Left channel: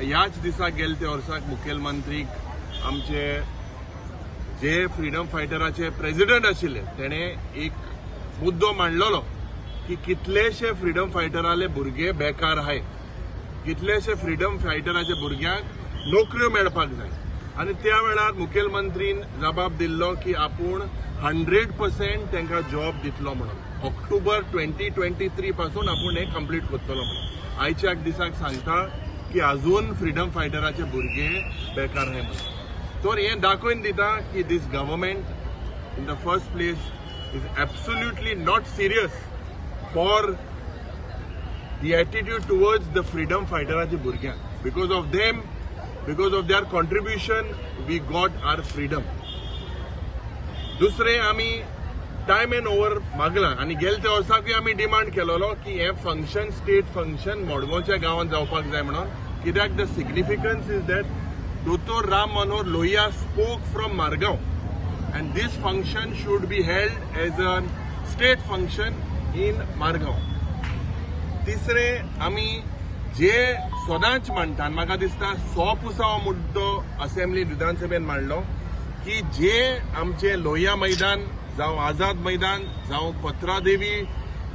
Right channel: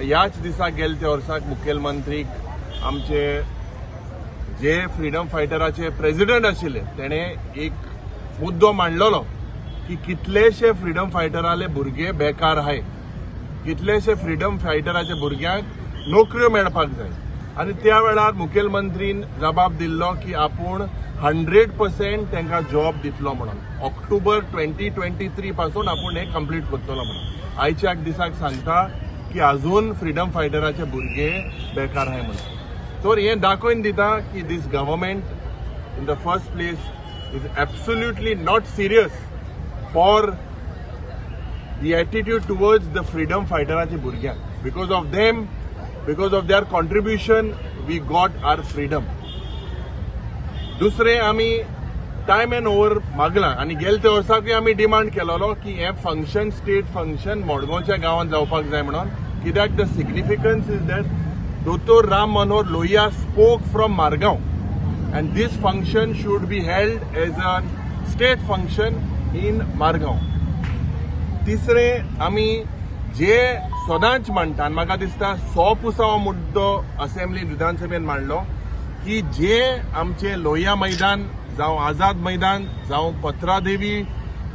ह्याच दिसा गेले ते वर्साक मुखेलमंत्रीक आमचे जे फ्रीडम फायटराचे प्रेसिडेंट आशिल्ले तेणे एक मुद्दो मांडलेलो की कितलेशे फ्रीडम फायटराले भुरगे बेकार आहाय, कितलेशे फ्रीडम फायटराच्या भुरग्यांक नोकऱ्यो मेळपाक जाय आणि त्या वेळार मुखेलमंत्रीन जबाब दिल्लो की आपूण 100% तांकां जॉब दितलो म्हणून ऑक्टोबर 2023 पासून आपूण हे कंप्लीट करतलो म्हणून. आयच्या दिसाक सांगता की अजून फ्रीडम फायटराचे भुरगे बेकार आहाय म्हणून. तर हे दाखोवन दिता की this government in the first place is absolutely not serious for the attitude towards the freedom fighteraचे भुरग्यांक. Because of them, because of their contribution, we got our freedom. दुसरे आम्ही टाइम एंड ओव्हर मागला आणि गेले ते वर्साकूय आम्ही डिमांड केलेलो की हे फंक्शन स्टेट फंक्शन मडगांवच्या गावात जावपाक जाय म्हणून. कित्याक the significance is that Dr. Ram Manohar Lohia spoke from Margaon and this function should be held as a state function in Margaon. तिसरे आम्ही जे सदांच मांडटा म्हाका दिसता 100% हो मुद्दो असेंब्ली विधानसभेन मांडलो की जे आमचे लोहिया मैदान जावं आझाद मैदान जावं पत्रादेवी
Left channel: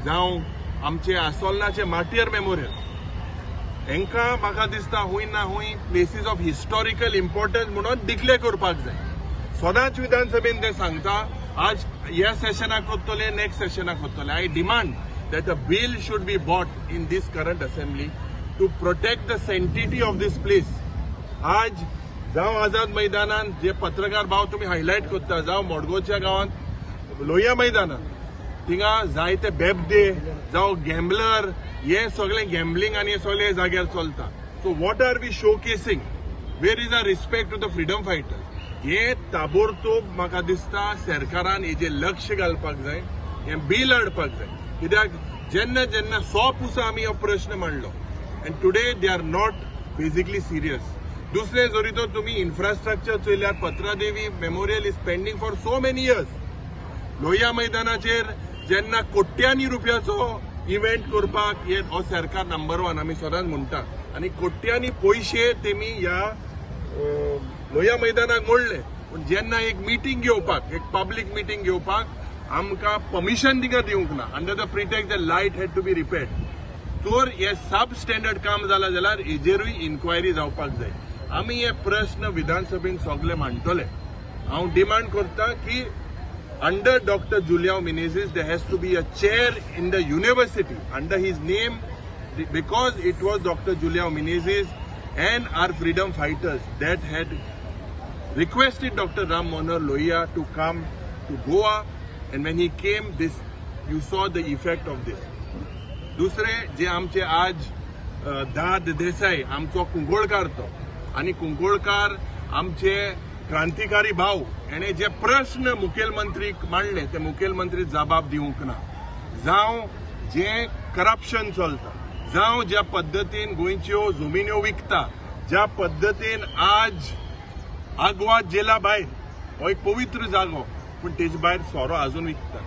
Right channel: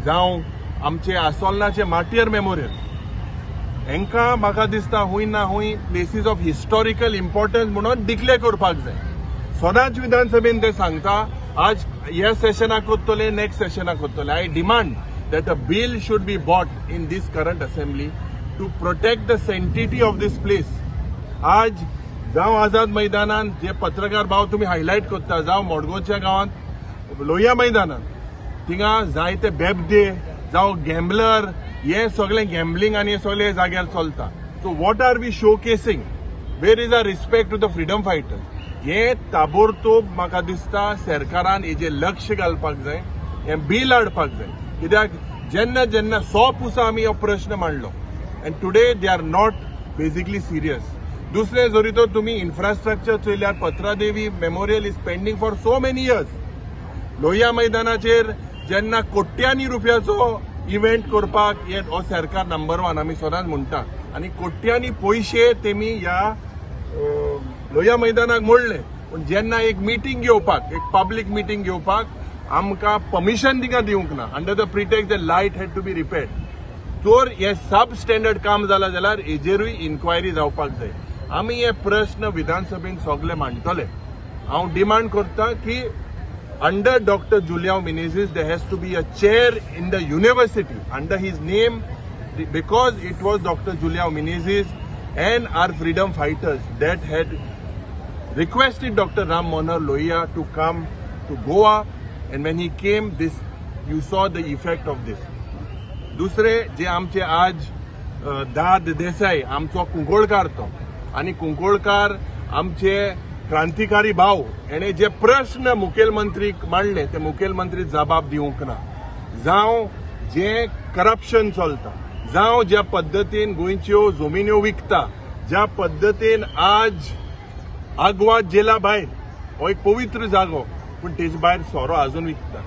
जावं आमचे आसोलनाचे मार्टियर मेमोरियल हांकां म्हाका दिसता हुंय ना हुंय प्लेसीस ऑफ हिस्टॉरिकल इम्पॉर्टन्स म्हणून डिक्लेअर करपाक जाय. सदांच विधानसभेन ते सांगता आज ह्या सेशनाक करतले नेक्स्ट सेशनाक करतले. I demand that a bill should be brought in this current assembly to protect the sanctity of this place. आज जावं आझाद मैदानान जे पत्रकार भाव तुम्ही हायलाइट करता जावं मडगांवच्या गावात लोहिया मैदानान थिंगा जायते बेबदे जावं गॅम्बलर हे सगळे गॅम्बलिंग आणि हे सगळे जाग्यार चलता. So what are we showcasing? Where is a respect to the freedom fighters? हे ताबडतोब म्हाका दिसता सरकारान हेजे लक्ष घालपाक जाय, हे बिल हाडपाक जाय. कित्याक जेन्ना जेन्ना 100% आम्ही हो प्रश्न मांडलो and today they are not basically serious. दुसरे जरी तर तुम्ही इन्फ्रास्ट्रक्चर चयल्यार Patradevi memorial is pending for so many years. Lohia मैदानाचेर जेन्ना कोट्यांनी रुपयाचो इव्हेंट करपाक हे हो सरकार नंबर 1 आमी सदांच म्हणटा आणि कोट्यांनी पैसे तेमी ह्या लोहिया मैदानाक मोडले. पण जेन्ना एक मिटींग घेवपाक एक पब्लीक मिटींग घेवपाक आमकां परमिशन तिका दिवंक ना under the pretext the light had to be repaired. तर हे सब स्टँडर्ड काम जाला जाल्यार हेजेरूय इन्क्वायरी जावपाक जाय. आमी हे प्रश्न विधानसभेन सगळे मांडटले. हांव डिमांड करता की under doctor Juliao Menezes there has to be a chair in the university under his name because it was doctor Juliao Menezes and our freedom fighters that had requested Dr. Ram Manohar Lohia to come to Goa, and when he came, this you saw the effect of this. दुसरे जे आमचे आज दाद देसाई आमचो कुंकोळकार तो आणि कुंकोळकार आमचे क्रांतिकारी भाव याने जे प्रश्न मुखेलमंत्रीक मांडले ते मुखेलमंत्री जबाब दिवंक ना. जावं जे करप्शन चलता जावं ज्या पद्दतीन गोंयच्यो जमिन्यो विकता, ज्या पद्दतीन आज आग्वाद जेला भायर हो एक पवित्र जागो पण तेजे भायर सोरो अजून विकता.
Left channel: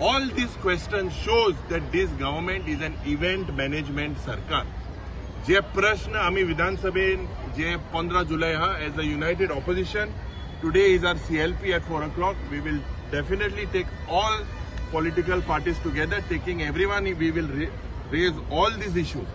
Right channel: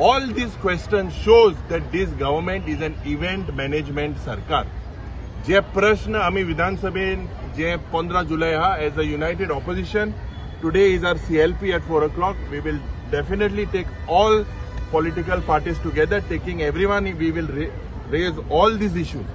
All this question shows that this government is an event management सरकार. जे प्रश्न आमी विधानसभेन जे 15 जुलै हा as a united opposition today is our CLP at 4 o'clock. We will definitely take all political parties together, taking everyone, we will raise all these issues.